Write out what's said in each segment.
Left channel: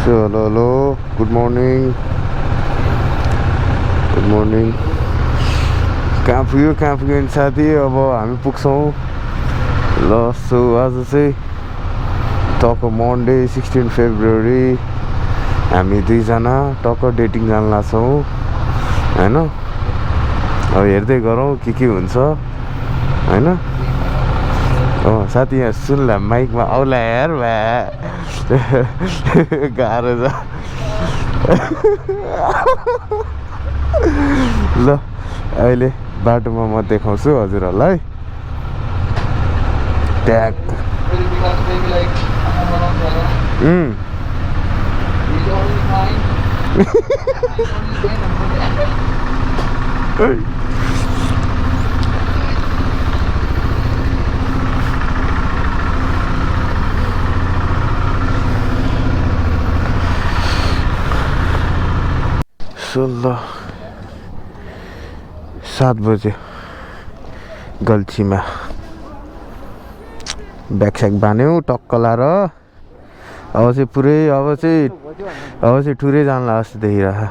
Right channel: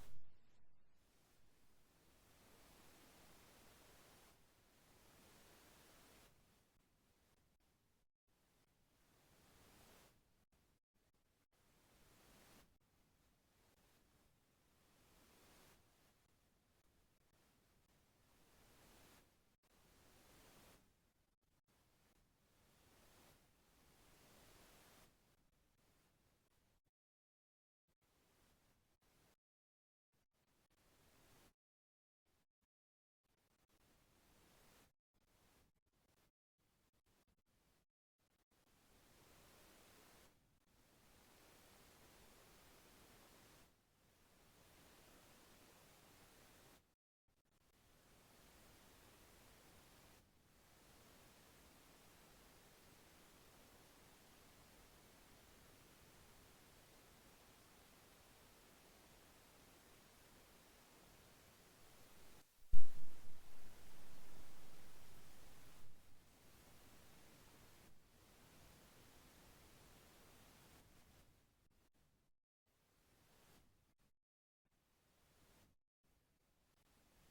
Hello, good morning. Good morning. कहाँ पुग्यो नि साथी अब हामी पुग्छौँ ल सो आज चाहिँ टक्क मन्डे 16 फेब्रुअरी हामी दुईजना टक्क डेटिङ जान लाग्छौँ हैन अब हेर्दै गरौँ के हुन्छ हैन साथी यहाँ सुन्ला माइकमा आउला यार भा गाह्रो छ ल अहिले बाटोमा म देखाउँछु हजुरहरूलाई ट्याग ल 7 बजे गल्छीमा ब्यागस्याग बान्यौँ टक्क लाएर अब चाहिँ ठुरै जानला जस्तो देखिरहेको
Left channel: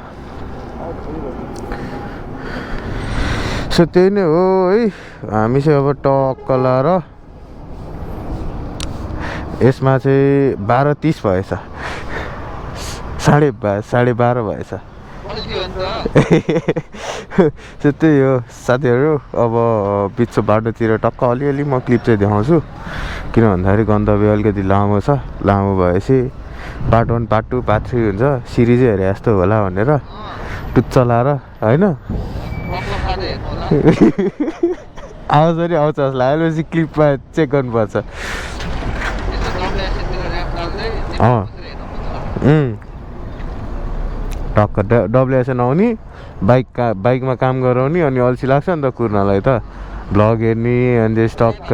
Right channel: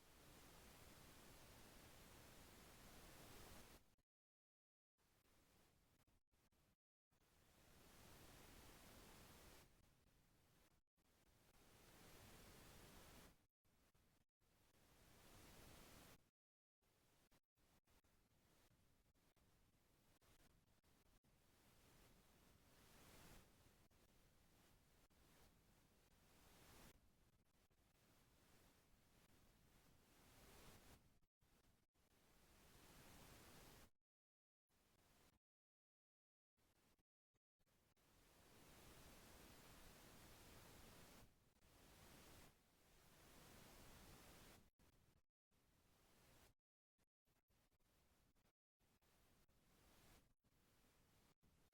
सो त्यही नै हो है हामी चाहिँ अब टक्क लाएर यसमा चाहिँ 12:30 भएछ 12:30 भएछ त्यही हो साथीहरू अब बिचको बाटोतिर टक्क अलिअलि म क्लिप चाहिँ देखाउँछु किन भन्दाखेरि गन्तव्य अलिकति लामो छ लामो भएपछि पार्ट 1 पार्ट 2 पार्ट 3 हुन्छ सिरिजै हेरे जस्तो होला भनेर टुच्च लाएर होइन आउँछ नि आउँछ जस्तो लागेपछि क्लिपमा चेक गर्नुपर्छ टक्क डब्लुएसएन आउने बाइकमा काम गराउने अनि अल्छी लाग्छ नि त कुर्नलाई त भ्लग हेर्ने अनि त्यस टक्क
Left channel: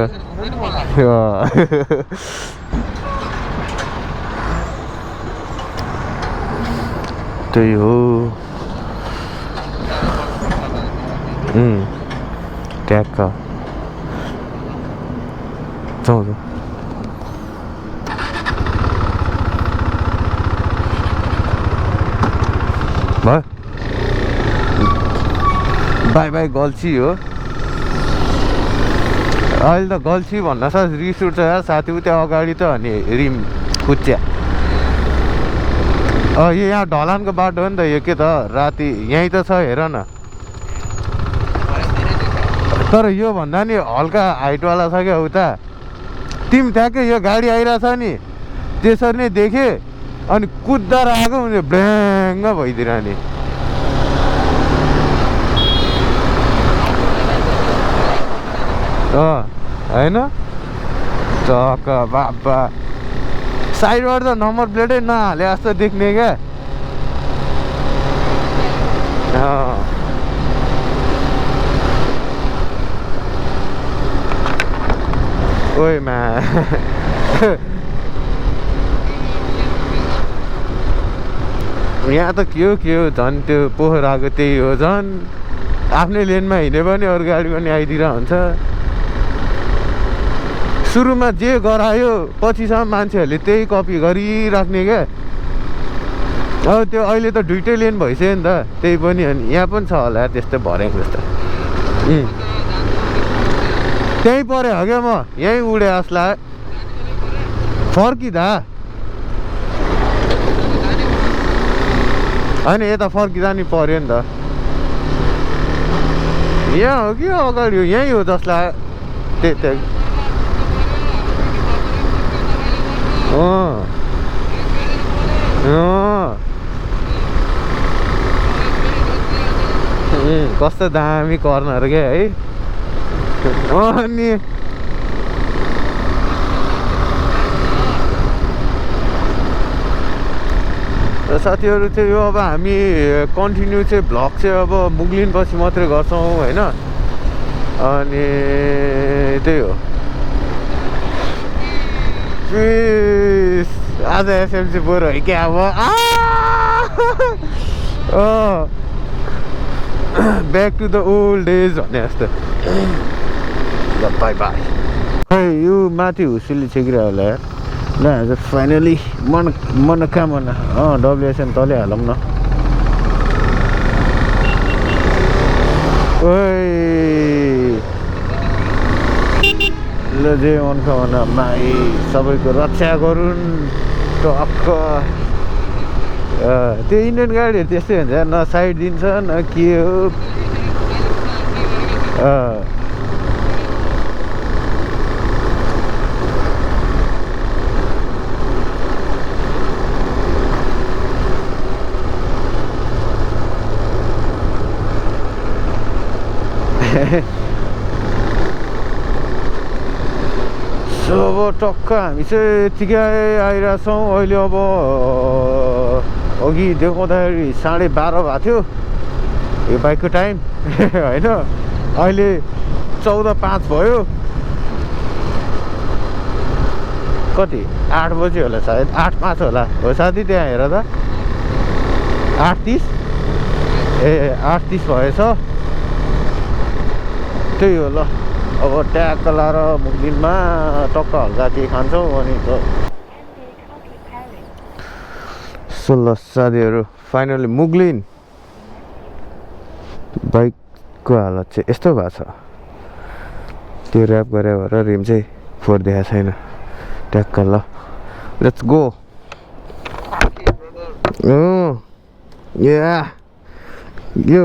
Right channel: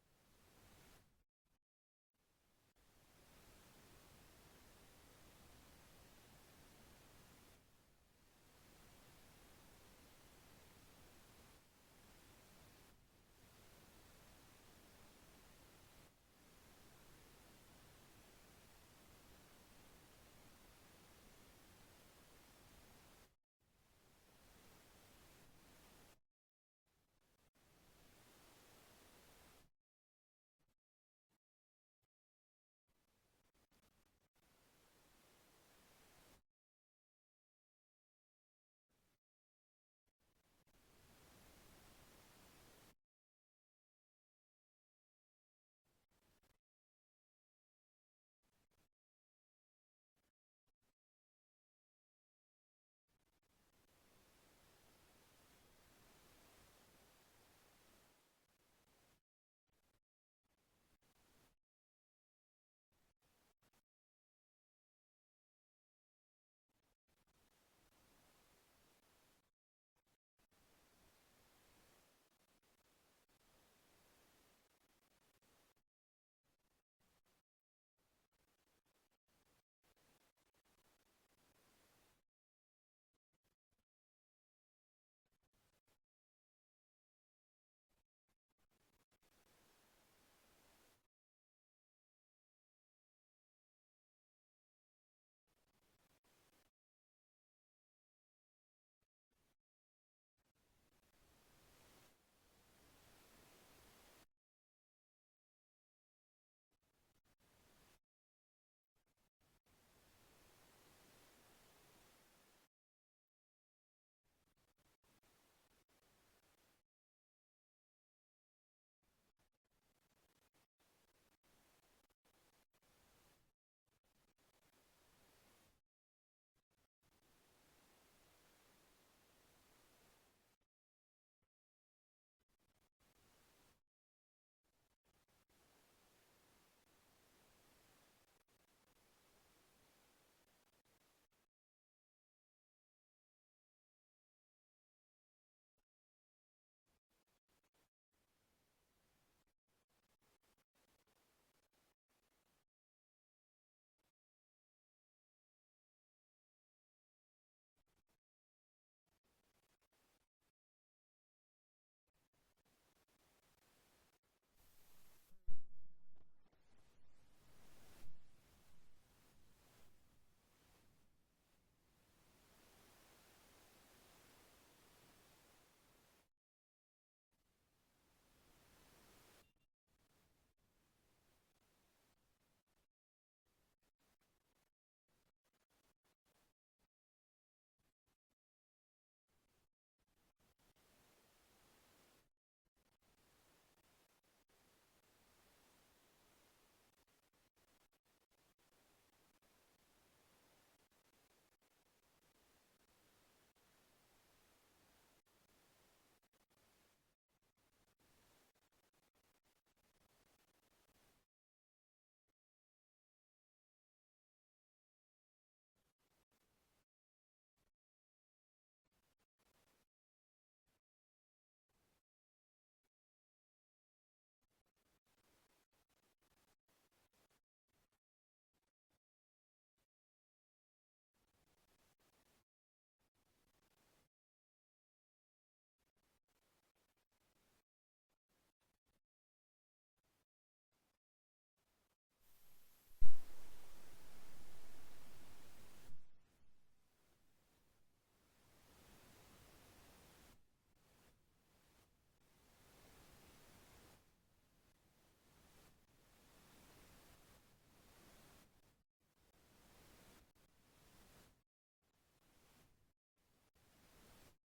त्यही हो ट्याक्क जाउँ भयो बाई बाई गल्छी हो अहिले त गल्छी भन्न सक्छ रिस उठ्छ यार साथी त्यहाँ अगाडि त अनि रिम कुच्या यो यहाँ ढलानको बाटो हो नि त यो के त राति यहीँ त छ हेर न तर यो भन्दा नि हल्का हाइटवाला छ क्या उता तिमी ठ्याक्कै यो गाडी आइरहेछ नि त्यसरी नै देखेँ अनि कुद्दा आएको भने ब्याङ्ग भइदिरहने होइन टक्क बाबा साइडबाट त नम्बर प्लेटै नहाले जस्तो देख्ने क्या ओइ मा यहाँ त के हो झन् त्यो पोखराको त्यही हो झन् आफ्नै लेनमा हिँड्यो भने अरू गाडी पनि आइदिएर हुन्छ सुरुमा जे गरायो पछिसम्म मान्छेहरूले त्यही कपी गरिराख्ने क्या अब त्यो अहिले त दुइटै लेन भइसक्यो नि त त्यही पनि अनि यहाँ पनि छ होला त्यस्तै भरेको जस्तो त्यहीँ पऱ्यो हो क्या म यहीँ उडे जस्तो फर्किँदा होइन यता फर्किँदा नि पऱ्यो नि त यहाँ हो कि अगाडि हो यहीँ हो जसलाई त्यही कस्तो दामी कर्नर क्या है अनि साथीहरू चाहिँ यो अब हामी कन्टिन्यू चाहिँ भ्लग चाहिँ अब मुग्लिन पछि मात्रै गर्छौँ होइन अनि त्यही हो आज एसएमसी बोर है क्या अब back to the old days भने जस्तो बाई बाई खै यो माथि हुसुली छेकिरह होला यार ल आज फाइनली मनोकामना डब्लुएसएन तलै हालौँ न ओइ ल जे मनोकामना माई सबैको रक्षा गरून् टक्क त्यो इन्डियन गाडीहरू त्यस्तै हुन्छ न साइड दिन्छ न के हो सो अब टक्क हामी चाहिँ यतिकै आइरहेछौँ अहिले अब अघि देखाउँदाखेरि 12:30 भएको थियो यो बाइकको टाइम होइन अहिले 14:05 भयो कति 8 बजी होला सायद 8:05 होला हो साथी त्यहाँ हेर त 8:30 ए 8:30 भएछ त्यही हो ल अब ट्याक्क लाएर मुखदिनमा टक्क हल्का केही खान्छौँ अनि त 16 साथीहरू फाइनली मुगलिन बाइकको हालत चाहिँ यस्तो भएको छ त्यो ऱ्याप गरे भएर रिम चाहिँ फोरिदिएको छैन ट्याक्क ल लेट्स गो या यो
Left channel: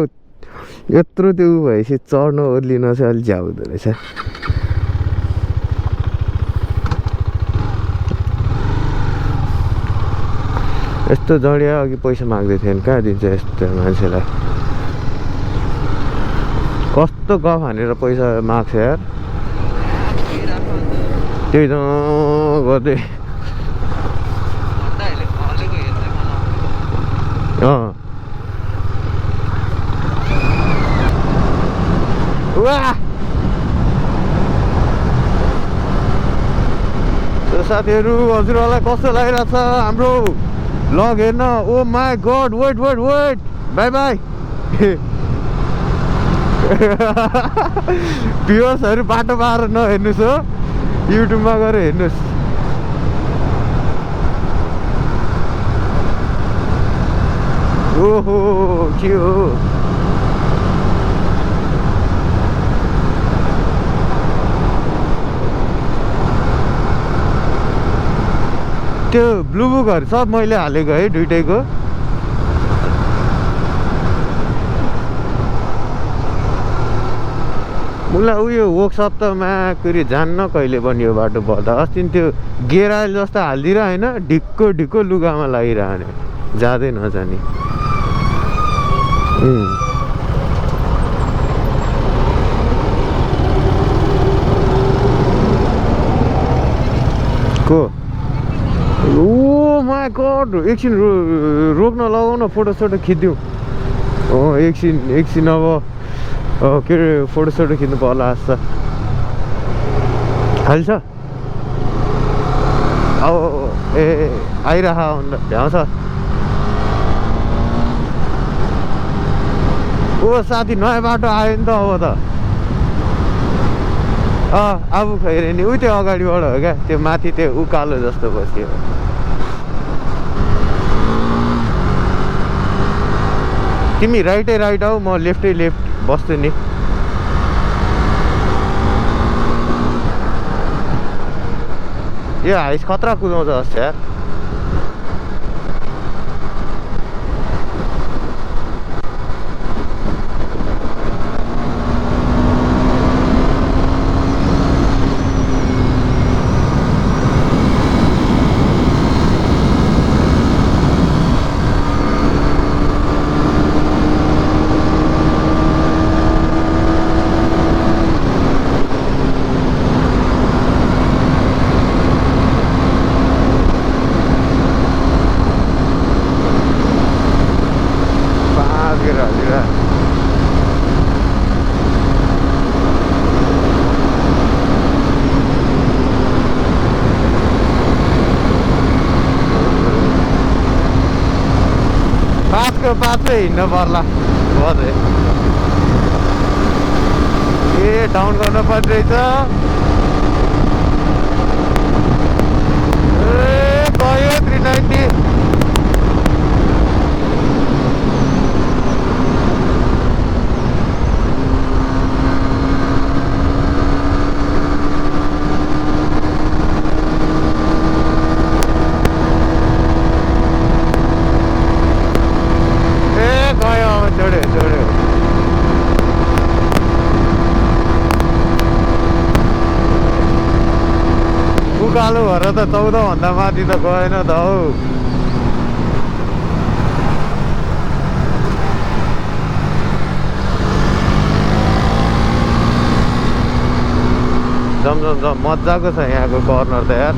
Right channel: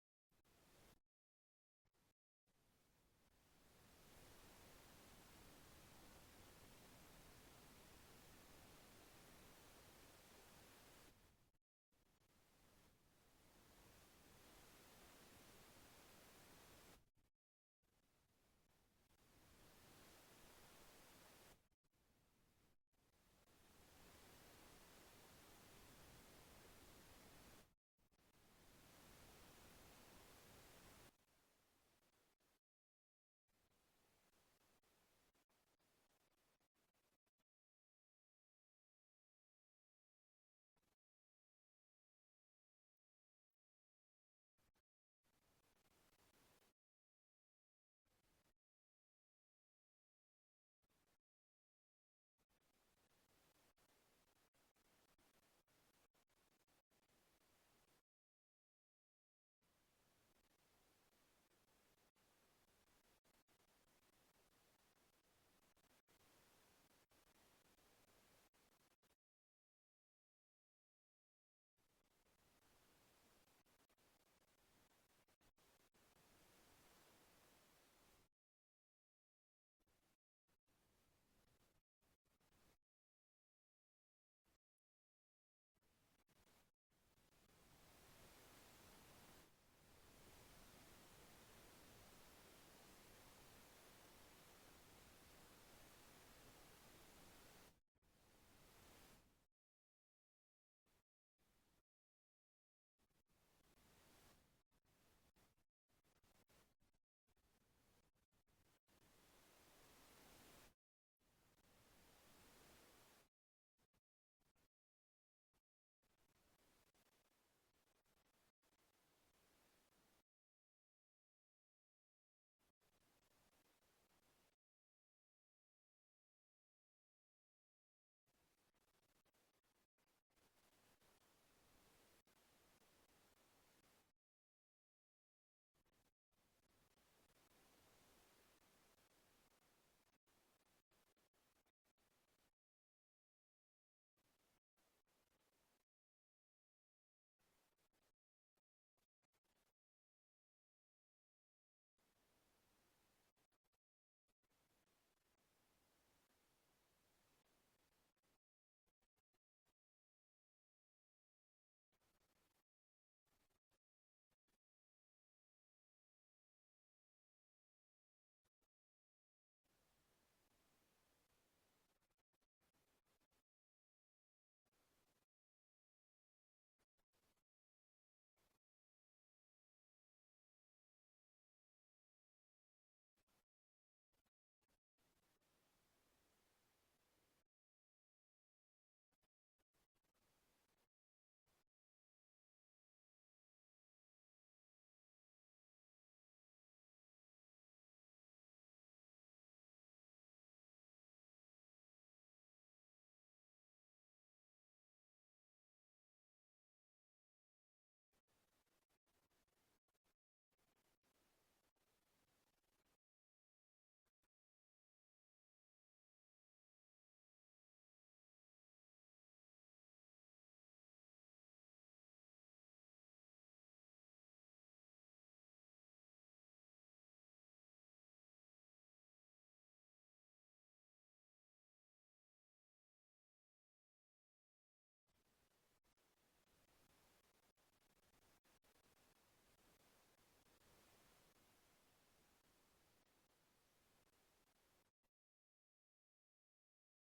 यत्रो त्यो भएपछि चढ्न ओर्लिन चाहिँ अलिक झ्याउ हुँदो रहेछ यस्तो जडिया अघि पैसा माग्दै थिएन कहाँ दिन्छ यस्तो मान्छेलाई कस्तो गफ हानेर पैसा माग्छ यार त्यही त गर्दै साथीहरू हजुरहरूलाई कस्तो लागिरहेछ हाम्रो लग हेर्न oh my god wait bye bye भ्युअर्सहरू बाटो पाएर नहेर्नुहोस् हो युट्युबमा गएर हेर्नुहोस् ओहो के हो त्यो ब्लु बुकहरू सब मैले हालेको है दुइटैको मलाई उयो वर्कसप त माकुरी जान्न कहिले पनि यो बाटो पर्दा अस्ति त्यो गेराइल जस्तो हालिदिएर होइन ढिक्को लुगामा लागिरहने जाँदै नजाने को ओ माई गड एकछिन रोक्न लगाउन फोटोसोटो खिच्दिउँ एकछिन अब के अरे फोटोसोटो खिच्नु पर्ला जस्तो खाली छ अब ए आइरह भ्याउँछ ओ साथी नयाँ बाटो आयो नि त अब त अब खैरे नि उ त्यो अगाडिबाट हो क्या त्यो माथि त्यो उकालो जस्तो बस्यो तिमी राइटै राइट आऊ म लेफ्टै लेफ्ट बस्छु नि यो हाइस खतरा कुदाउँछ जस्तो यार पाँचै हिँड्नु पर्ला बजे ए डाउन गर्नु पर्ने रहेछ त 14 भन्दा माथि त गएन त हौ। जम मजाको छ यहाँको कर्नर त यार।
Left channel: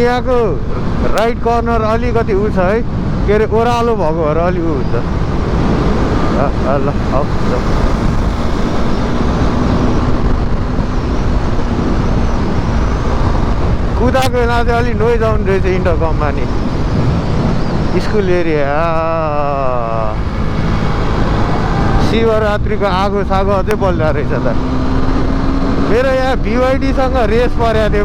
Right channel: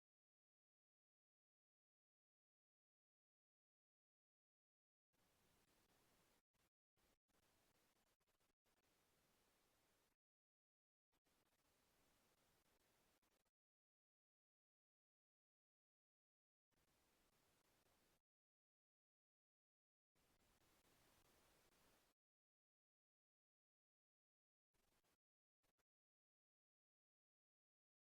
यहाँको राइट कर्नर अलिकति उ छ है, के अरे ओह्रालो भएको भएर अलि उ हुन्छ। ल कुदाको बेला चाहिँ अलिक नोइज आउने रहेछ इन्टरकममा नि। स्कुल एरिया शिवरात्रिको आगो सागो अझै बल्दा रहेछ त। मेरो यहाँ BYD-सँग रेस परेको थियो।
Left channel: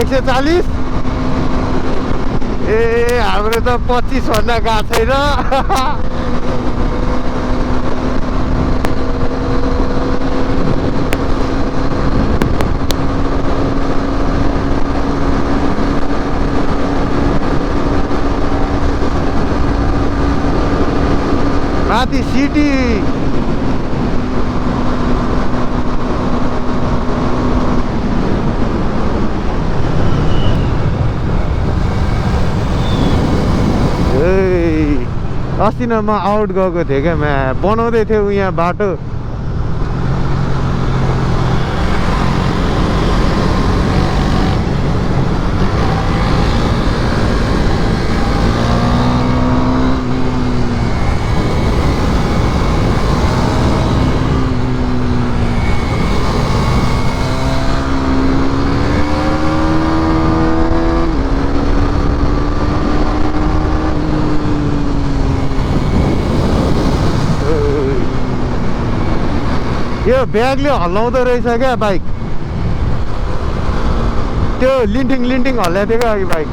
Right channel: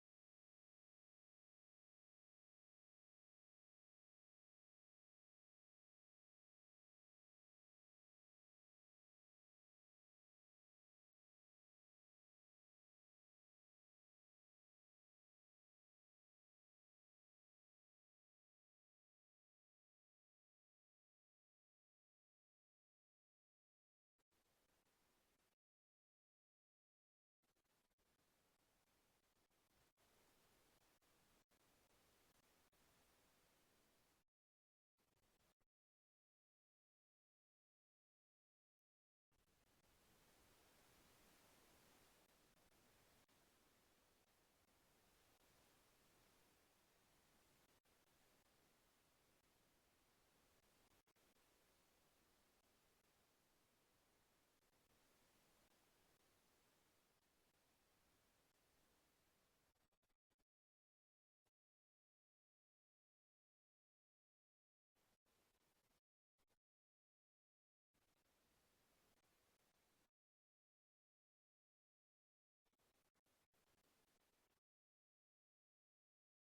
$140 ए हाम्रो त 25 भन्दा गएको छैन। माथि सिटी अस्ति न म आउट गएको थिएँ क्या, बनाउँदै थियो यहाँ बाटो। यो ब्यागले हल्लाउँदो रहेछ क्या बाइक। त्यो लिन्टिङ हल्लाएको थियो क्या अघि बाइक।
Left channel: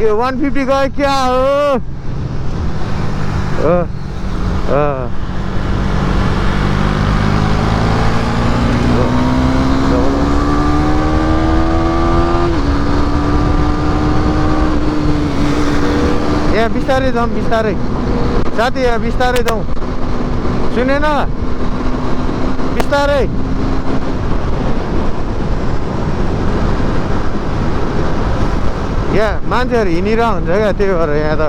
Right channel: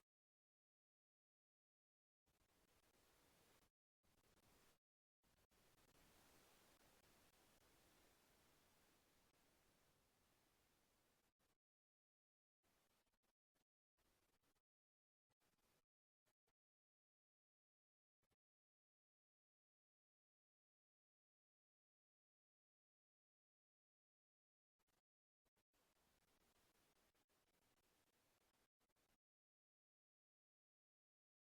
यो 150 गयो क्या हो यहाँ बिस्तारै जाउँ बिस्तारै साथी यहाँ बिस्तारै जाउँ सुनेन बिस्तारै यहाँ मान्छेहरू हिँडिरहेको हुन्छ क्या त्यही भएर यहाँ त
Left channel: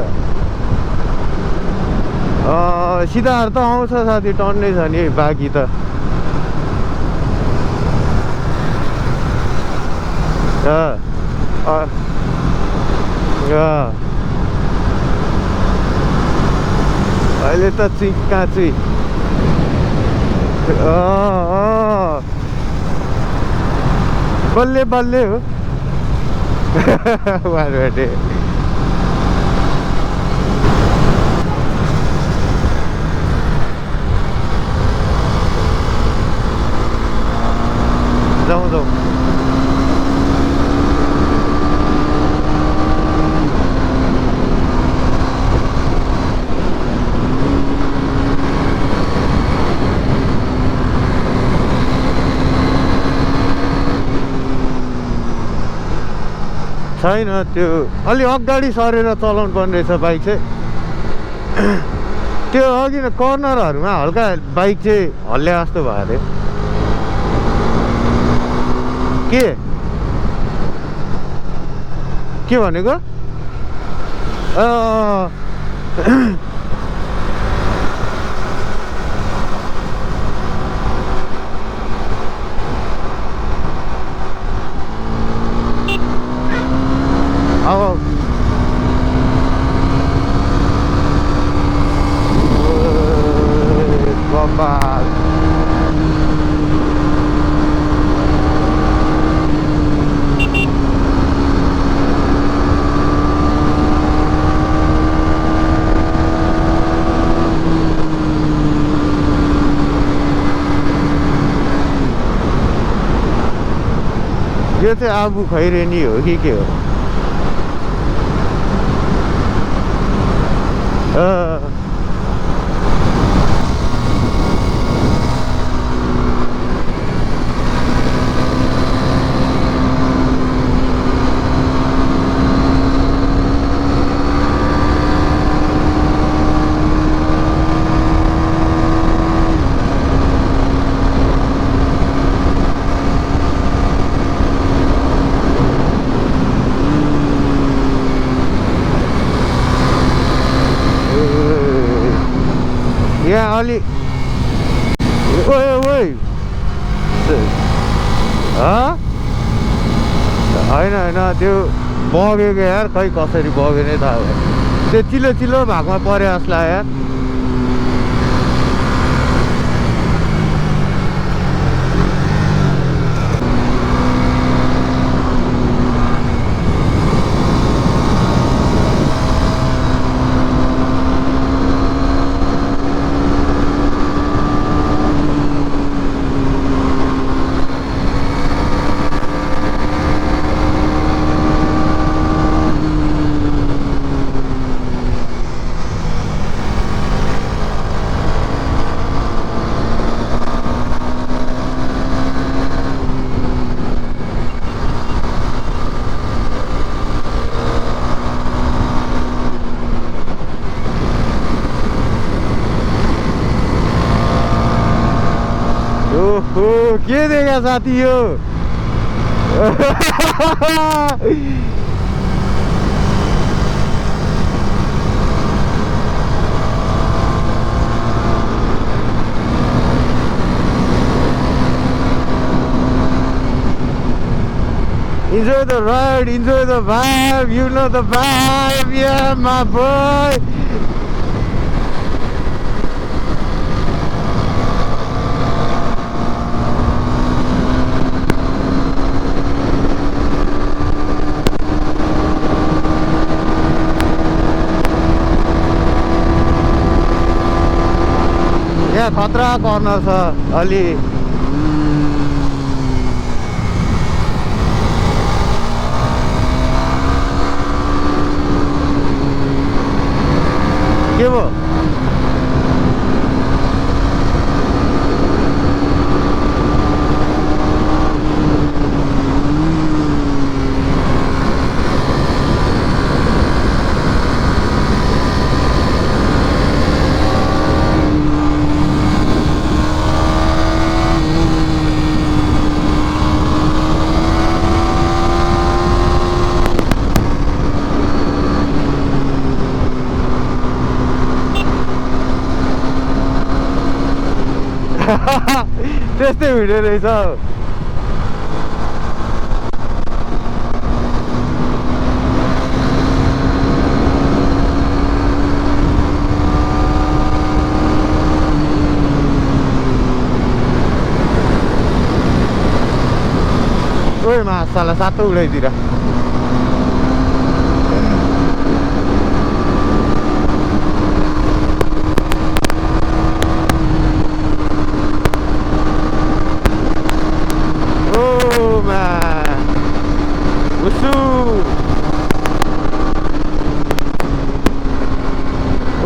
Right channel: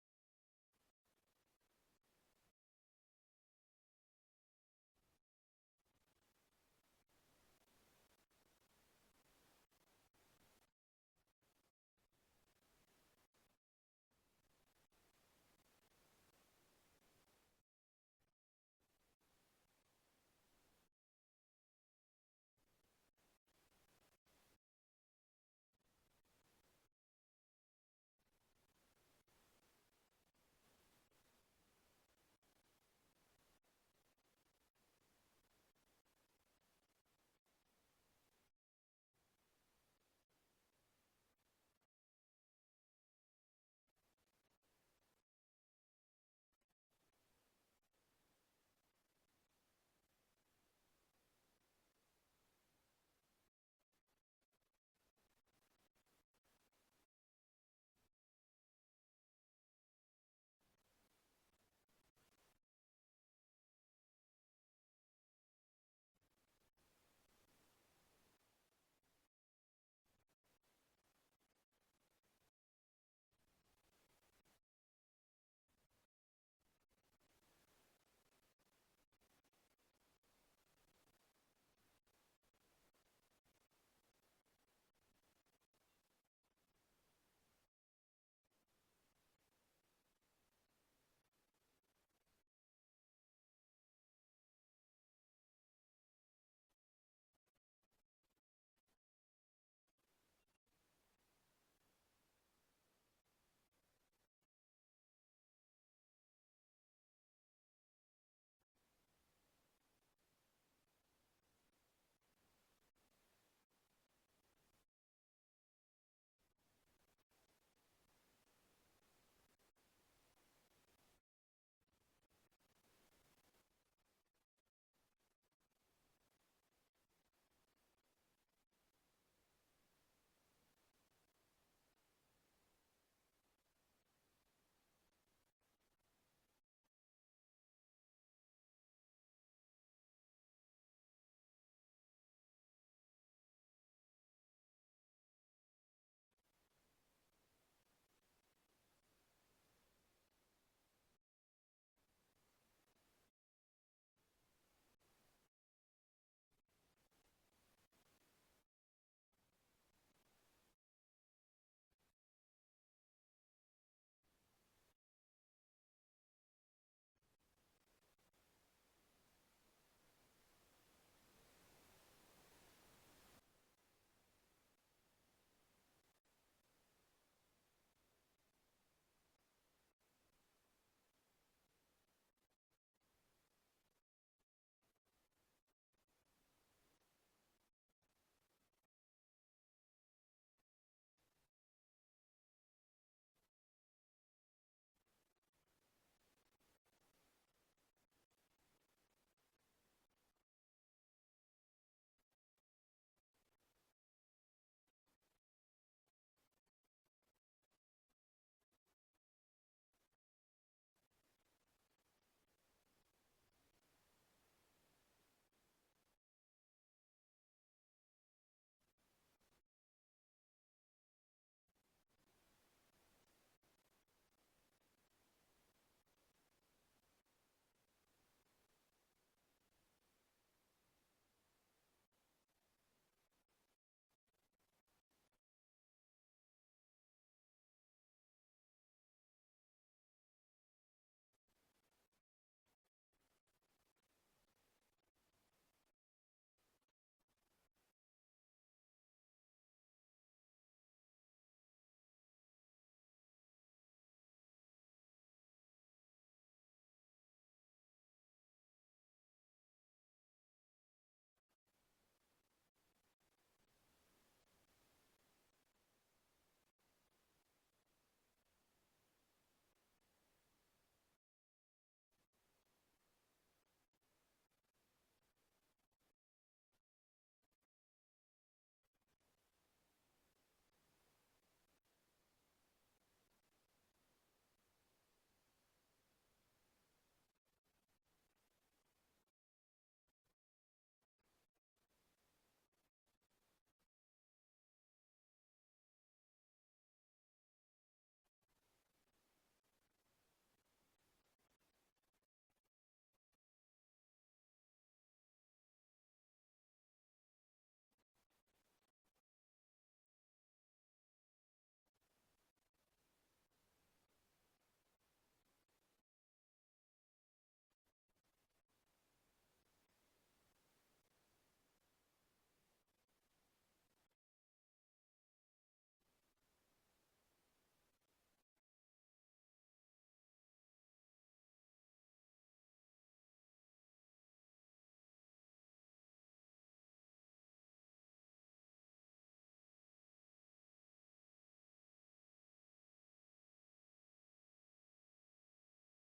सिधाहरू त आउँछ साथी टन्नै छ नि बाँकी त अहिले त काँची बल्ले बल्ले हो बाटो जाउँ जाउँ छैन त्यो अलि अगाडि सरेर चलाउनु पर्ने रहेछ बाइक चाहिँ त्यो अघि कर्नरहरूमा हल्का बाइक चाहिँ हल्ल्या जस्तो भयो अरे के भनेको अब यो चाहिँ आबु खैरेनी हो कि के हो यहाँ अलि होइन त्यो बगेको यार खै कसरी बग्यो नै थाहा भयो त्यो चिल्लो चिल्लो भागमा पऱ्यो जस्तो लाग्यो यार के देखा साथी यो Enjoy the ride, enjoy the vibe, you know the vibe, yeah, my boy. यहाँ खतरा कर्नर छ अलि त्यस्तै भिडियो रहेछ ओइ मासाला सातो उडाइदिएर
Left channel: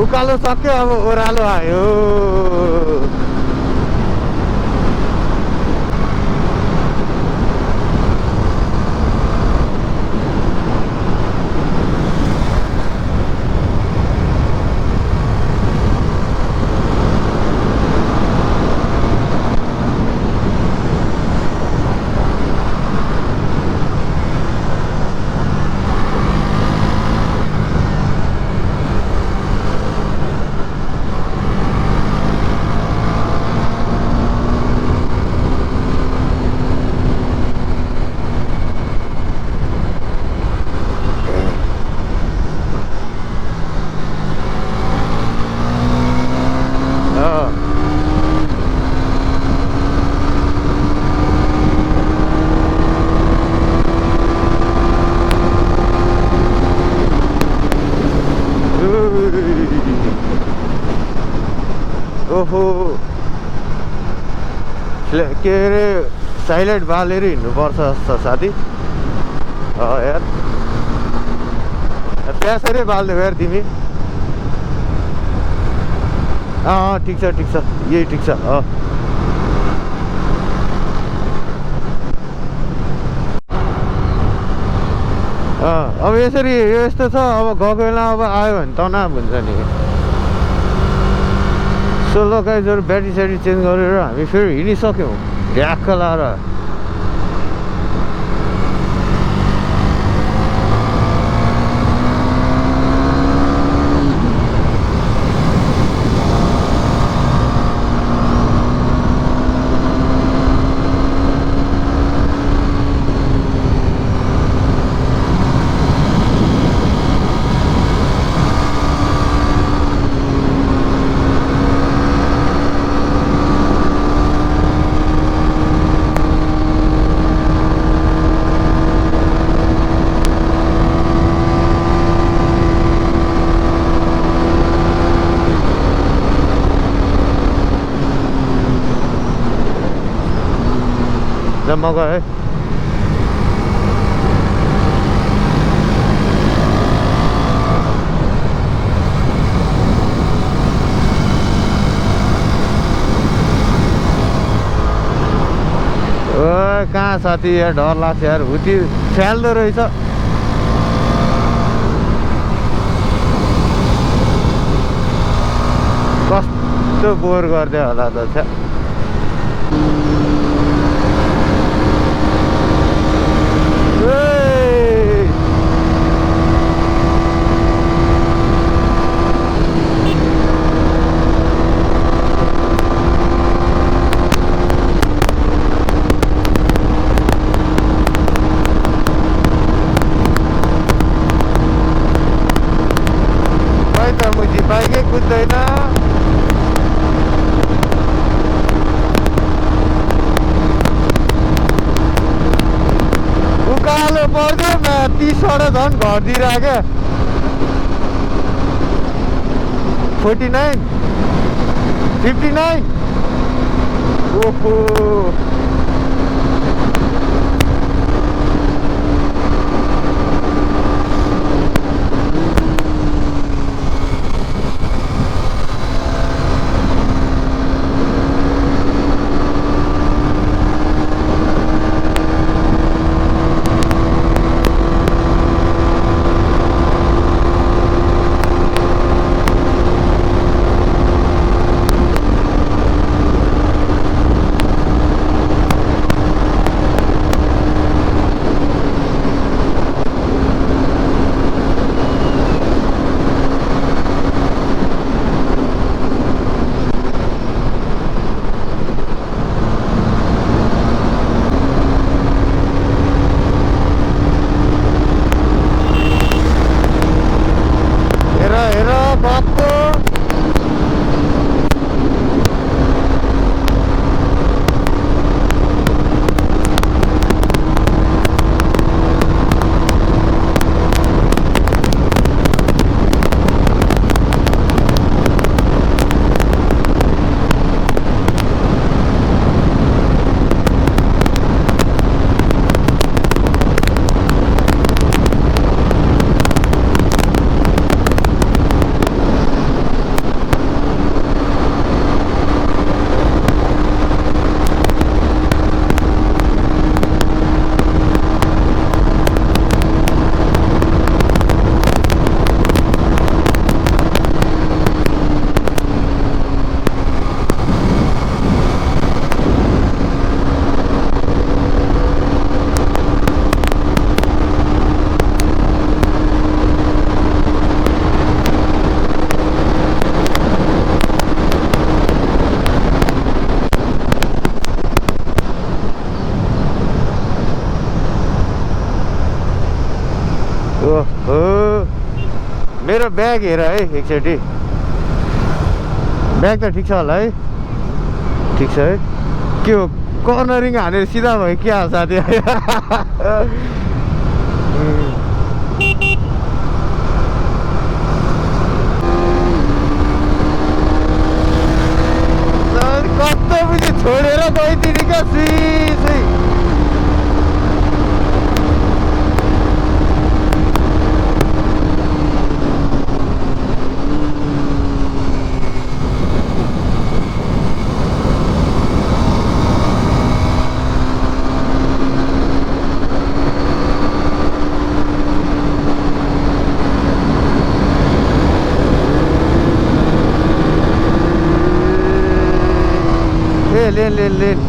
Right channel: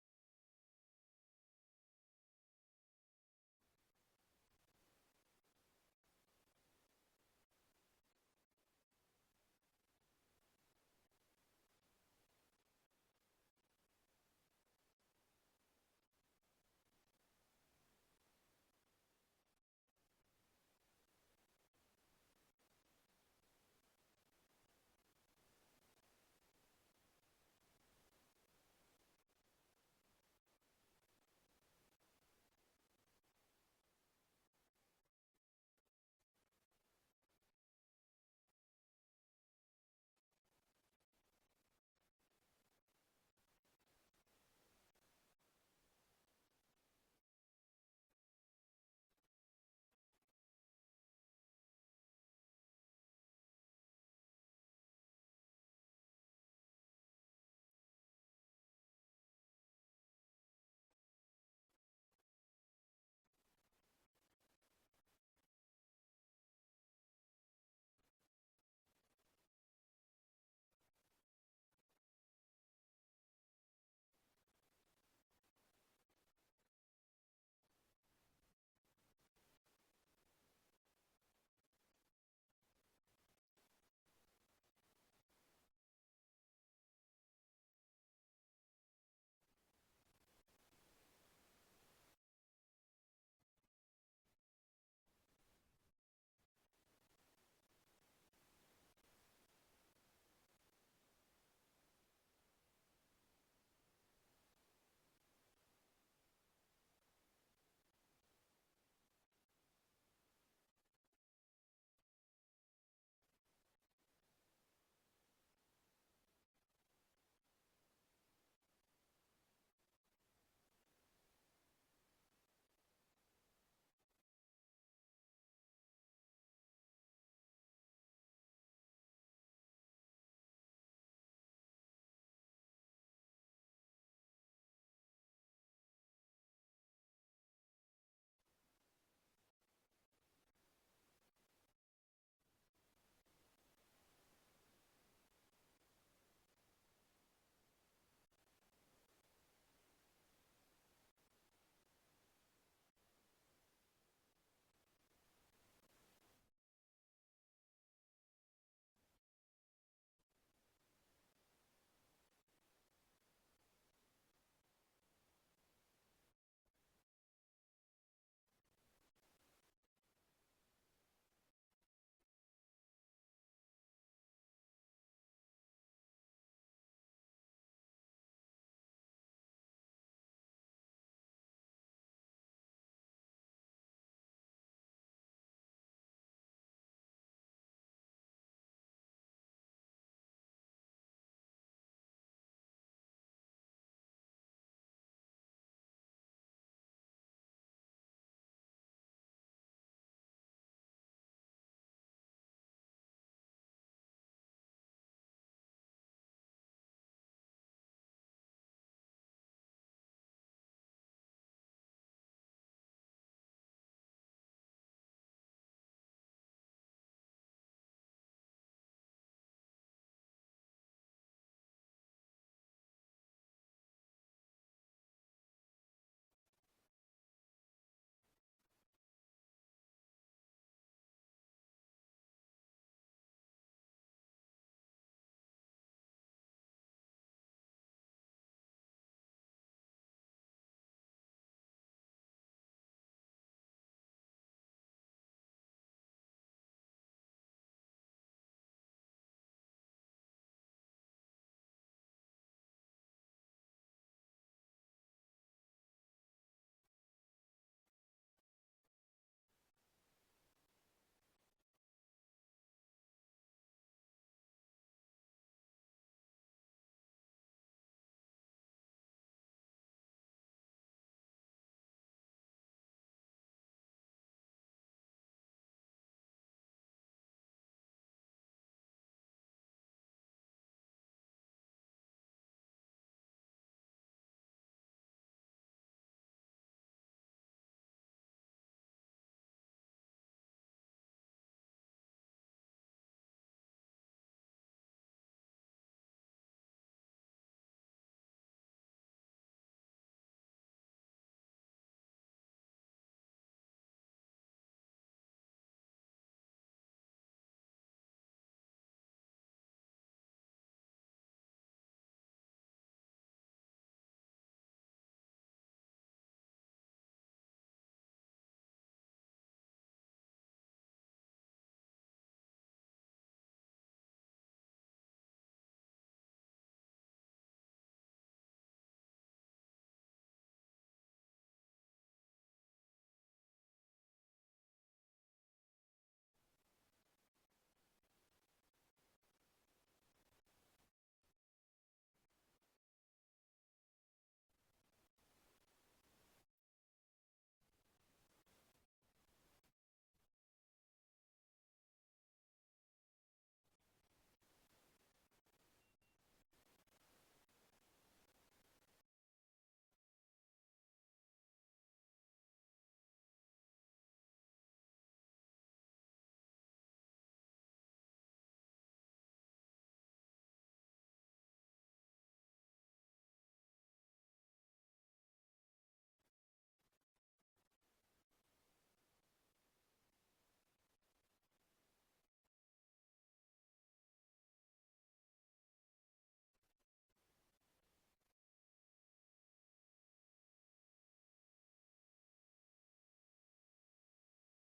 उकालो सक्यो अब ओह्रालो आयो ओहो के अरे साइलेन्ट बालेर हिँड्नुपर्छ जस्तो साथी यार त्यसरी बाल्दै यार तिमी ठिक छ यही ठिक छ अब यसरी यस्तो छ अब गएको बेला अब आयो भने तनाव हुन्छ नि सोलो गाइजहरू ब्याट्री स्याट्री चेन्ज गरेर हामी फेरि हिँडिसक्यौँ ढ्याक्क लाएर म गएँ कहाँ साथी यार डर लाग्छ यार हुती फ्याल्दो रहेछ कस्तो बोर गरिदियो होला त छ बाइकै कुद्दैन उकालो पर्यो 30वटा झन् घटिदिएर क्या 49 59 ओहो ओहो मेरो ब्याग हेर है एकचोटि ब्याग त ठिक छ होला है ठिक छ है के हो कर्नरिङ हानेर सिधा भयो के हाल साथी कस्तो बुझी छोडेर गइदिने क्या सुई लेन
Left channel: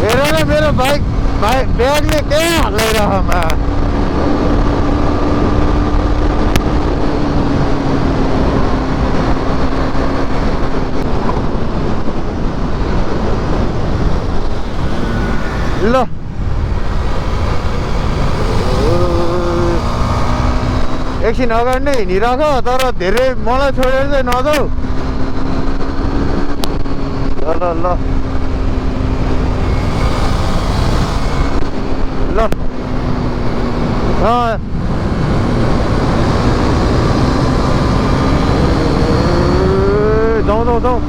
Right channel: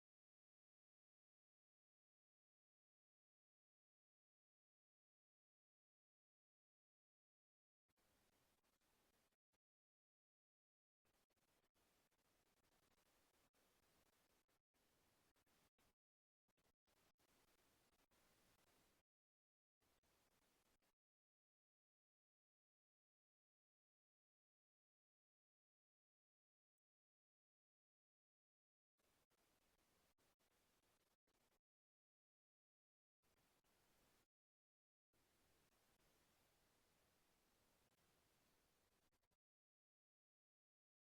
हेर न मेरो ब्यागले के हल्लाइरहमा ल एकछिन अगाडि नै हिँडिराख तर धेरै मलाई छोडेर चाहिँ नजाऊ ल जाउँ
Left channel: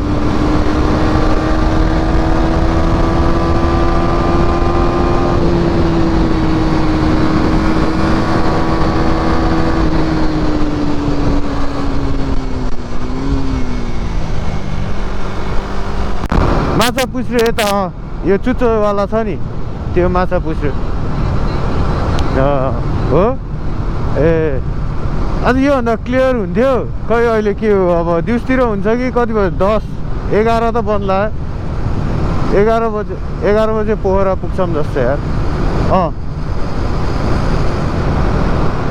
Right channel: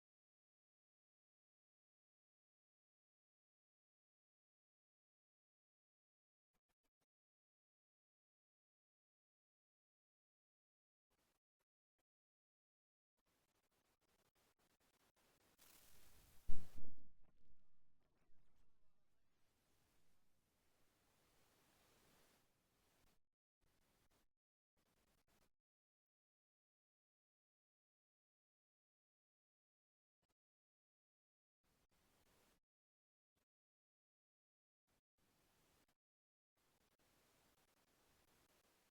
माछा पुछ्रो यता यो चुच्चोवाला छ नि त्यो माछा पुछ्रो हो ए अन्त योभन्दा क्लियर हुन्थ्यो खै अहिले के हो अब दिउँसतिर हुन्छ कि कति बजी 10-11 त बन्ला 11 बजे पोखरा पुग्छौँ जस्तो यार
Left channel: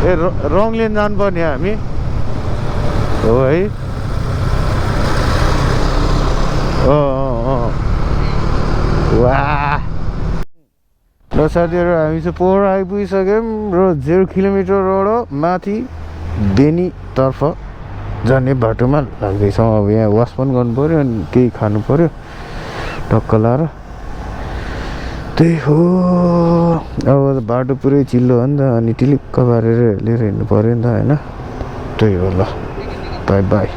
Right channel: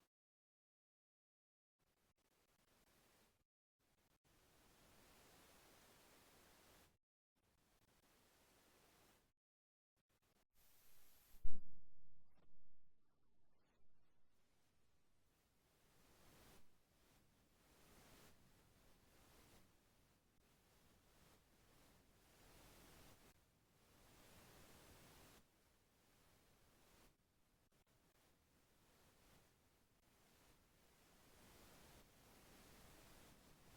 ए रङ लेन जानुपर्ने हामी हो है वाह र साथीहरू हामी चाहिँ पोखरा आइपुगिसक्यौँ र 0 किलोमिटरबाट माथि बेनीतर्फ जाने बाटोमा लाग्दैछौँ अब यहाँ वास पनि गर्नु पऱ्यो अनि केही खानु पऱ्यो टक्क लाएर त्यही हो अब बाटो पुरै चिल्लो हो नि त अनि टिलिक्क पारेर लिएर हिँड्नु पऱ्यो नि त होइन त्यही हो ल बाई बाई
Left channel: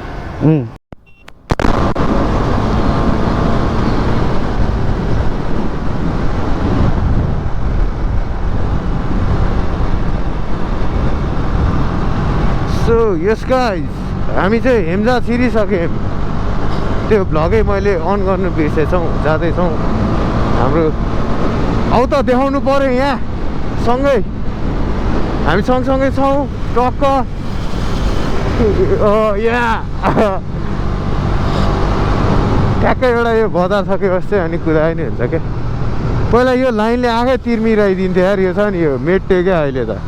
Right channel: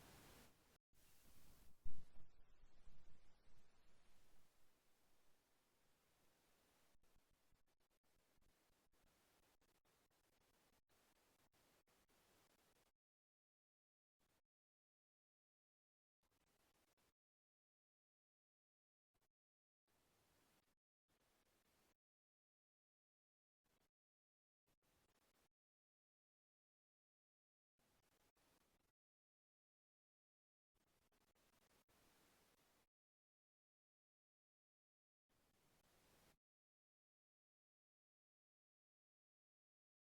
यस गाइज हामी चाहिँ हेम्जा छिरिसक्यौँ त्यो भ्लगै मैले अन गर्नु बिर्सेछौँ जाँदैछौँ हाम्रो आउ त देखाउनु पऱ्यो यहाँ सँगै हामी सँगसँगै छौँ टक्क यहाँ ठ्याक्कै एउटा यो बजार सकेपछि चाहिँ अनि कुदाए नि हुन्छ क्या पहिला यो लाइनले आएकै तिर्मिराइदिन्थ्यो यार यो छ नि यो मेट्यो क्या अहिले त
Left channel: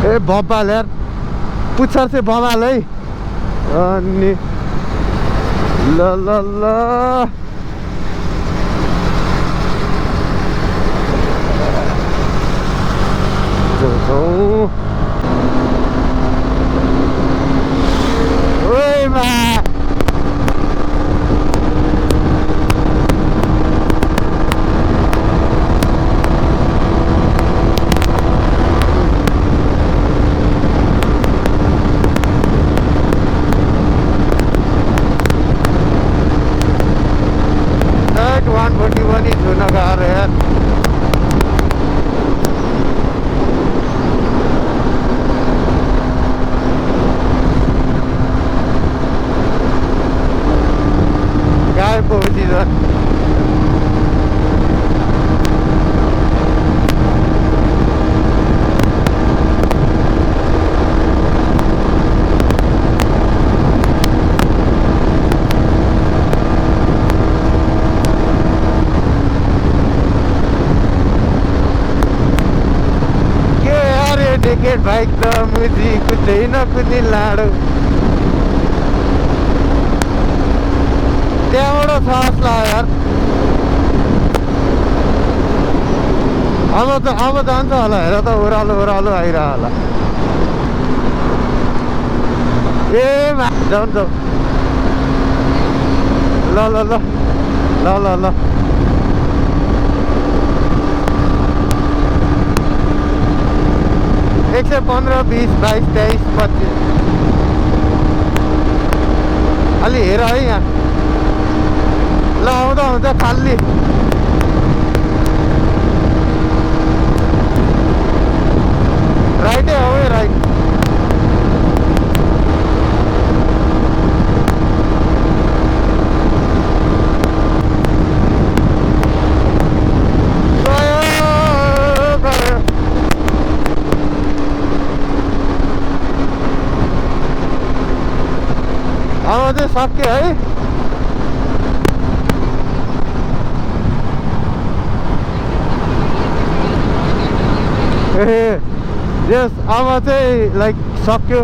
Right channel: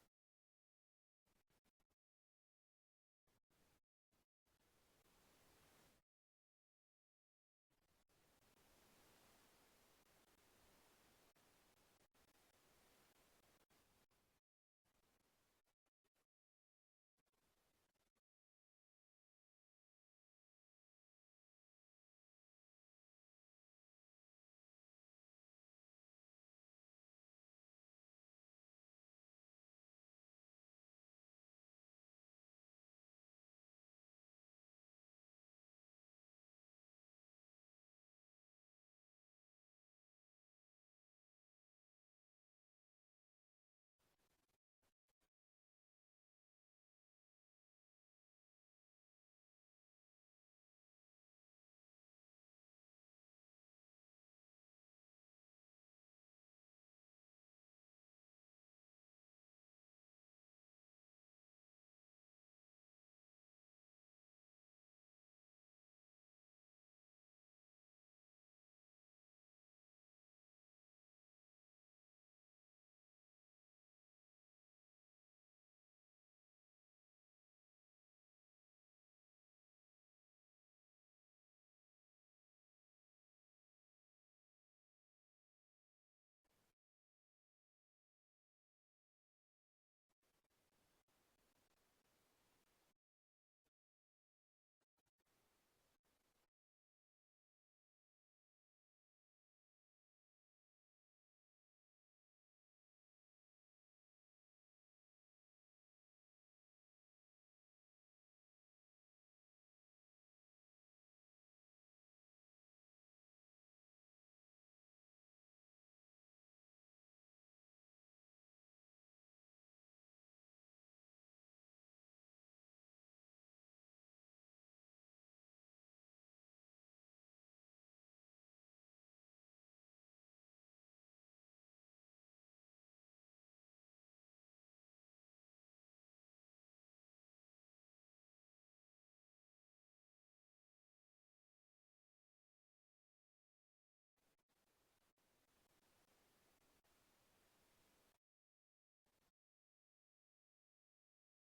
ए बब्बाल यार पुच्छर चाहिँ बबाल है अनि ल ओइ मा बाइक त मुजी कुदै नकुदी लाडो त्यहाँबाट छ जस्तो यार अब जान्छ होला हेर त ओह्रालो आइरह होला ए जाउँ ल 115 20 22 23 25 अलि हेर है यहाँ ल आउँदा हुन्छ खाली राइटै हो है राइट अब चाहिँ सक्यो है यस अब चाहिँ लाइक सक्यो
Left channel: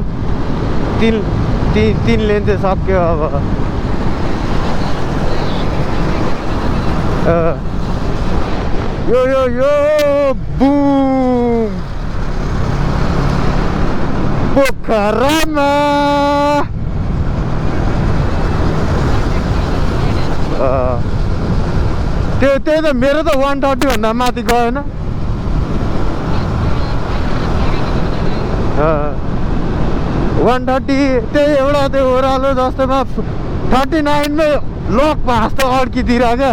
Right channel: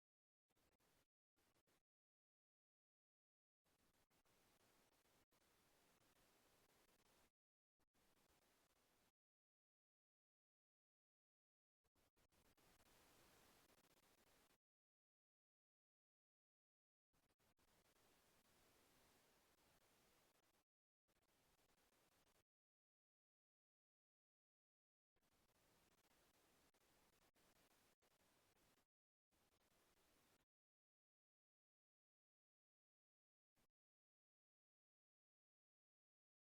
तीन लेन चाहिँ सक्यो अब यो बुम पोखरामा त्यही त मेरो त 130 भन्दा माथि गएन 130 त्यही एउटा त्यो ओह्रालो जस्तोमा 39 मै लक भाँस त अड्किदिएर क्या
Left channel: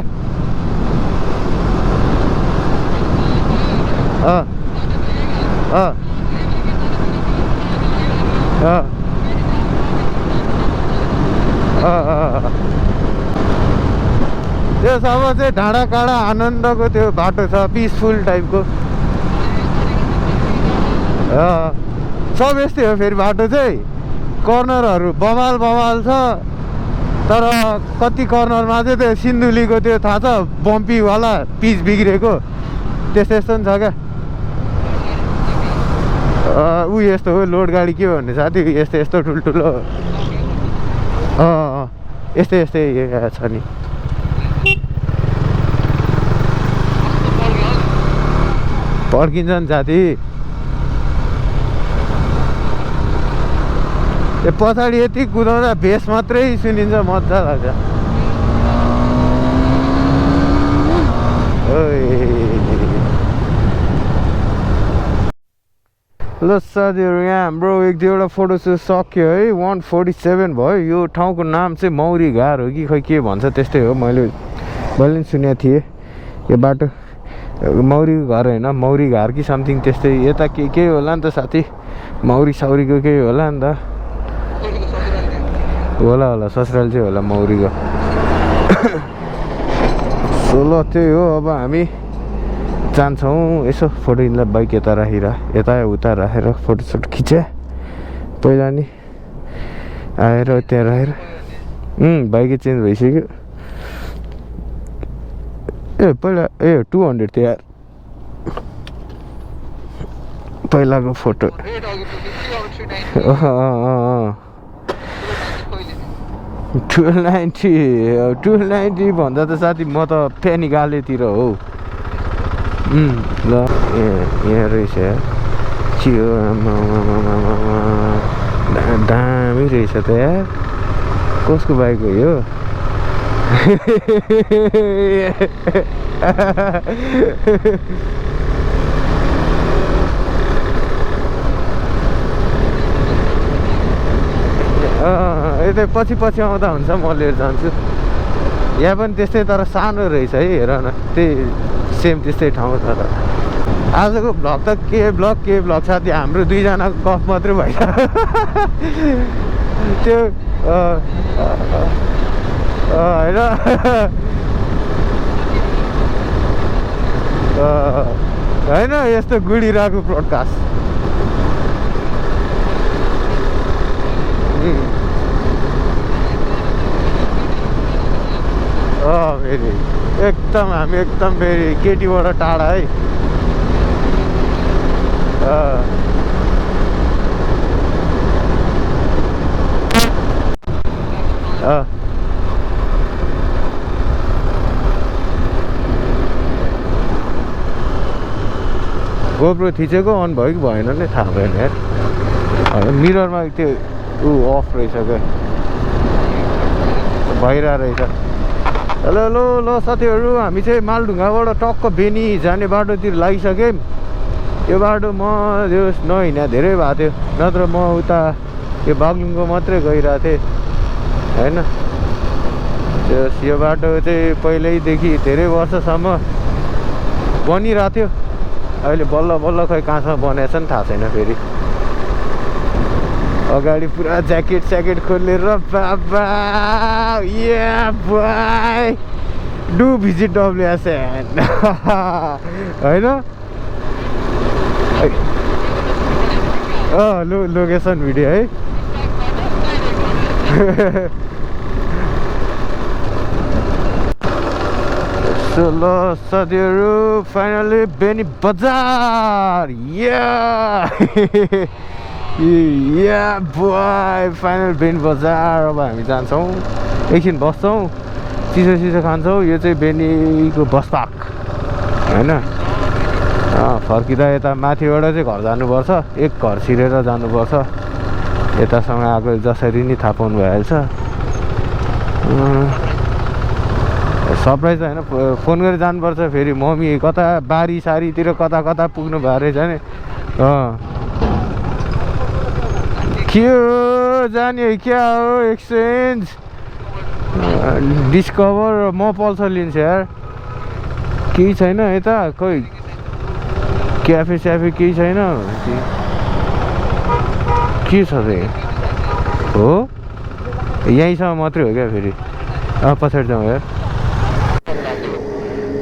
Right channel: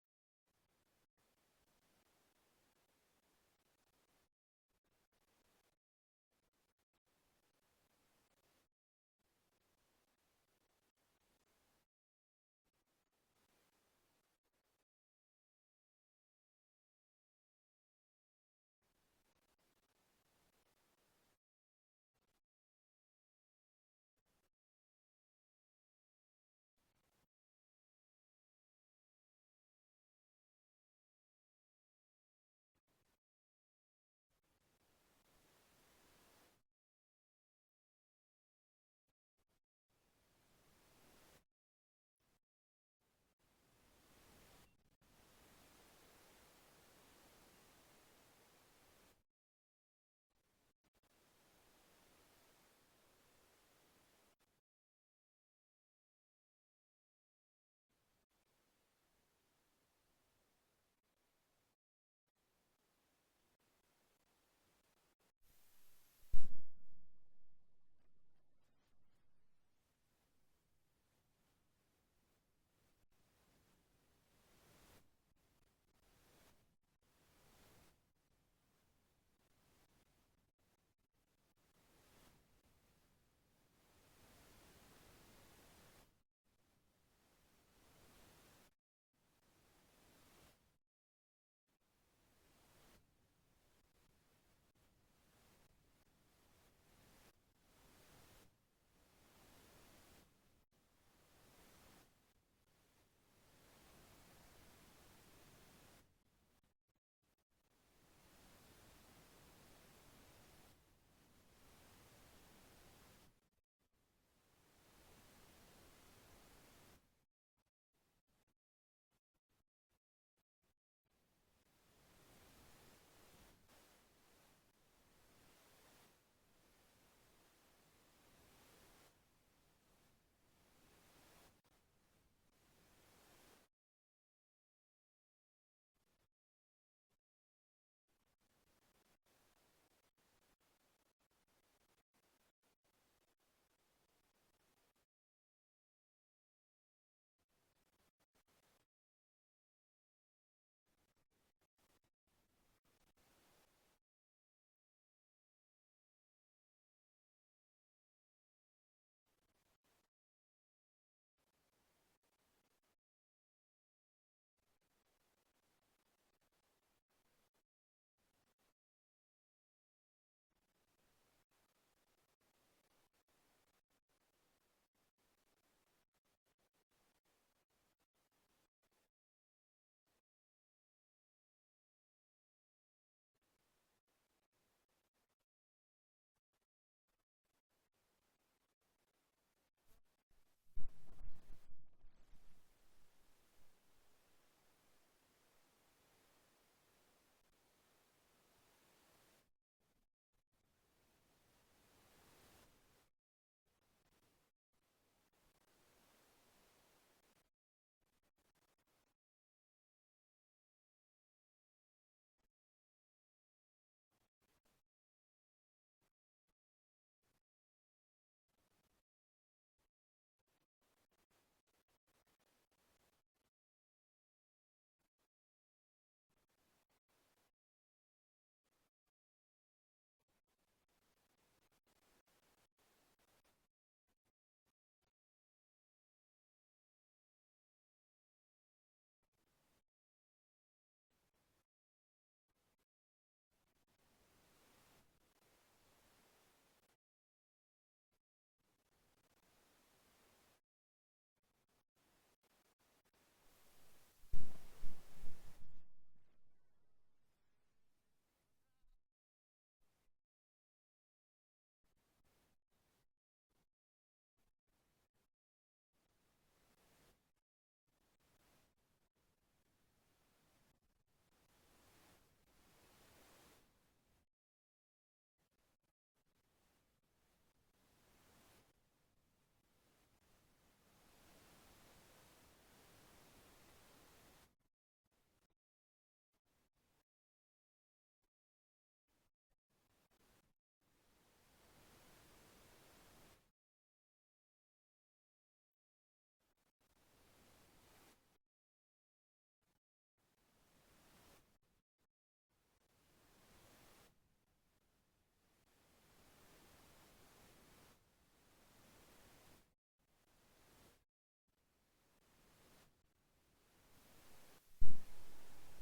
त्यो सब चाहिँ डाँडा काँडा आनन्दको त्यो बाटो छ पिसफुल टाइपको सब यस्तै हो फेरि बाटो चाहिँ कर्नरहरू बवाल छ तर कति कर्नरमा चाहिँ त्यो सिन्धुलीको त्यो थाहा छ बम्पीवाला पिच बिग्रेको त्यस्तो नि छ क्या ऊ यस्तो हो लोड गाडी के भन्ने साथी यस्तो ठुल्ठुलो यस्तै छ नि पड्किन्छ नि साथी यो पछाडि यति कुदाउँदा बेस मात्रै सुनिन्छ मजा लाग्छ ल साथीहरू यहाँ हाम्रो एक दुईवटा फोटो सक्यो है 147 भयो यो ठाउँको नाम चाहिँ मौरी घार हो कि खै के भन्छ त्यस्तै हो मैले पनि सुनेको थिएँ यो बाटो मौरी घर होइन मौरी घार कि समथिङ त्यस्तै यता केही होला नि त साथी मौरी साउरीको केही होला नि त होला ससुराल चाहिँ होला मौरीको सोलो त्यही हो अब हामी जान्छौँ यसो फोटो यिनलाई बाइक यता यता उता राखेर फोटोसोटो खिचे पहिला नि आएर त्यहाँ राखेर बाइकै चेन्ज भइसक्यो ए पहिला 200 थियो यार पहिलाको फोटो 290 भन्दा त साथी म त फेनिगालेतिर हो ल यहाँ रहेछ चियो दामी रहेछ त यार कसको बाइक हो यो यतै पछि आउँदा हुन्छ म लिएर जान्छु यहाँ पनि त्यस्तै तर सानो रहेछ है हेर न त्यही सेम त्यस्तै ठाउँ छ त आजको भ्लग त के भ्लग साथी हाम्रो दुईजनाको गफ मात्रै भएछ त्यो होइन यस्तो गुडिरहेको ब्रोडकास्ट फेरि हामी एकदम फेरि केटीबाट टाढा है गोप्रो थिचेको अन भयो कि भएन नै थाहा भएन यार मिररमा त्यो अफ रहेछ क्या भइरहेको रहेछ हेलो हेलो ल साथीहरू हामी चाहिँ मालढुङ्गाबाट टक्क बेनी जाने बाटोतिर लागिसक्यौँ यो बाटो म यो नहिँडा धेरै भएको थियो नत्र म उता यो बागलुङको मात्रै गइरहेको थिएँ होइन यो बाटो चाहिँ पहिल्यैदेखि धेरै वर्षसम्म बनिरहेको थियो अहिले बल्ल बल्ल खै कहाँसम्म बनाएछ नि थाहा छैन फेरि अगाडि पुरा ज्याकेट स्याकेट खोलेर बाबा या बाई डु भिजिट डब्लुएसएन होइन लोकेसन भिडियो है सो ल साथीहरू फाइनली बेनी बजार या बोय फाइनल बेनी बजार अब हामी जान्छौँ एकछिन बस्छौँ चिसो चिसो खान्छौँ यो चाहिँ बेनीको बस पार्क होइन फर्किँदा यता माथिबाट चाहिँ घर जानुपर्छ एक घर छिरेर जानुपर्छ यतासँग आएको जसरी नै थाहा पाउनु भइहाल्छ सरप्राइज होइन फोन गरेर जानुपर्छ फेरि मम्मी कता बारी सारीतिर कता कता पुग्नु भएको रहेछ नि के हो जाने क्या हो एक्सचेन्ज डिस्कभर म पल्सर लिन्छु यार केही छैन यता खोइ क्याफे स्याफे केही छैन के छ त हो यहीँसम्म मात्रै हो क्या फेरि पछाडि जाउँ यार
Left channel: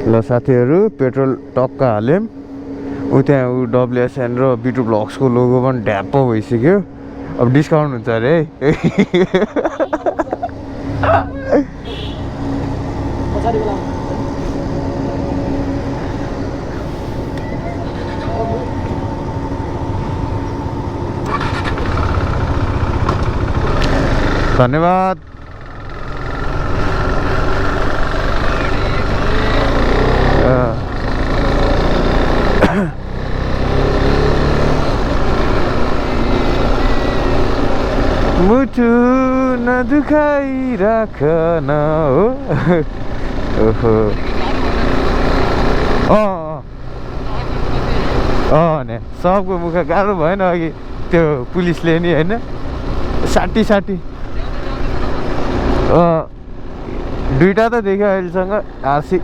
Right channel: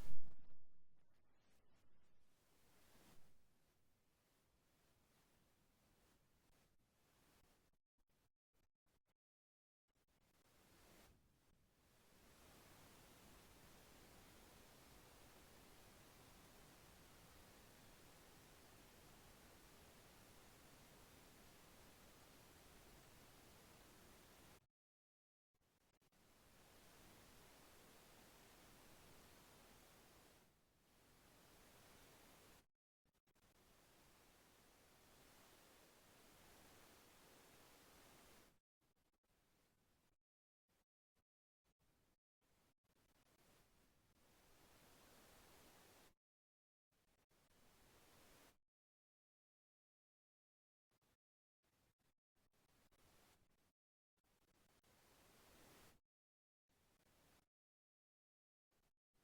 ल साथीहरू पेट्रोल टक्क हाल्यौँ त्यहाँ डब्लुएसएन र बिटु ब्लग्सको लोगो पनि ढ्याप्प भइसक्यो अब डिस्काउन्ट हुन्छ अरे है धन्यवाद मुटु नदुखाइराखन हो ओहो ने सबको मुख गाह्रो भएन अघि त्यो पुलिसले नि होइन साठी दुईटा त देख्यो अहिलेसँग आरसी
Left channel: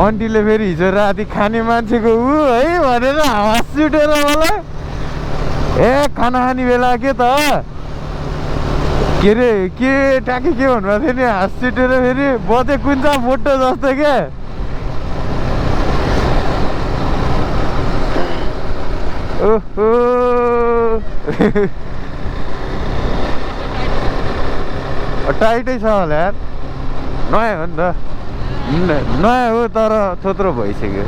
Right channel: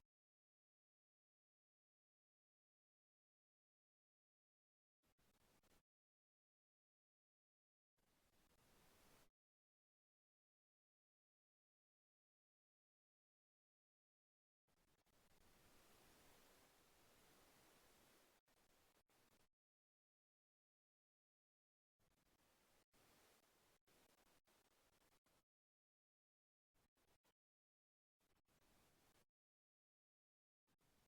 आन्टीले फेरि हिजो राति खाने मान्छेको ऊ है भनेर हाँस छुटेर मलाई खाना खाने बेला के त के अरे के ट्याके के भन्नुभएको थियो नि हाँस छुटेर फेरि बजे कुन्छ फोटो जस्तो क्या ओहो टाइटै छ होला यार नयाँ हो नि त नयाँ हो तर थोत्रो भइसक्यो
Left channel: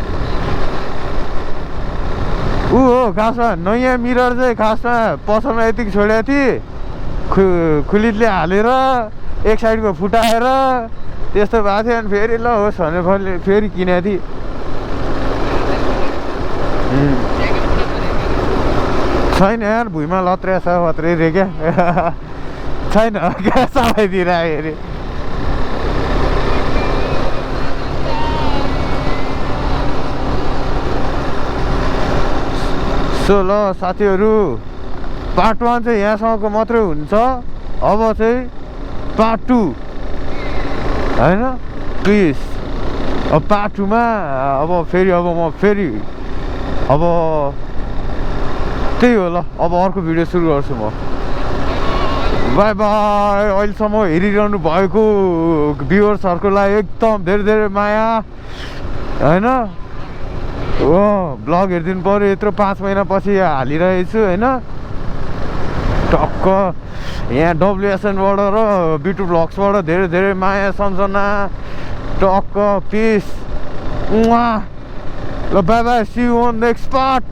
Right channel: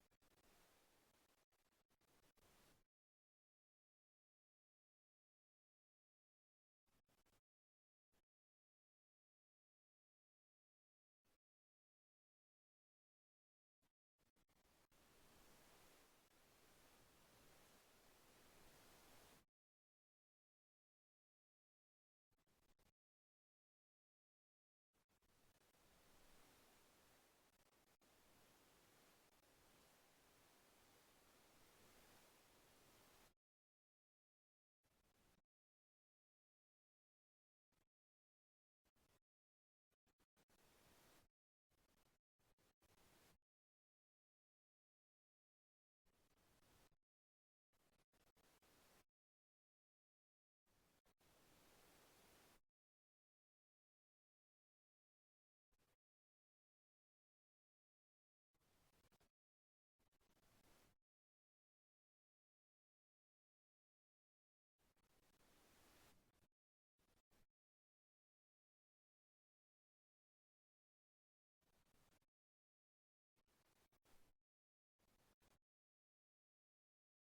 ऊ हो खासमा नयाँ मिरर चाहिँ खासमा पसलमा यतिको छोडेको थिएँ खुलितले हालेर एक साइडको फुटाएर त्यस्तो भएको थियो अनि फेरि ल होस् भनेर फेरि किनेको थिएँ छैन यार भुइँमा लत्रिया छ वत्रै रे क्या छैन क्या सबैतिर आयो अरे सो ल साथीहरू पार्ट 1 चाहिँ यहाँसम्मको मात्रै हुन्छ अब चाहिँ पार्ट 2 होइन प्लिज अब पार्ट 2 मा अब फेरि त्यही हो ल अब अर्को भिडियो सुरु गर्छु म बाई बाई अहिलेसम्म हेरिरहनु भएको भ्युअर्सहरूलाई एकदम धेरै धेरै माया होइन ब्लग हेरिदिनु पऱ्यो यत्रो 5 महिनापछि हालिरहेको छु होइन टक्क यहाँ डब्लुएसएनबाट र बिटु ब्लग्सबाट धेरै धेरै माया सम्झना टक्क पिस ल bye bye see you on next part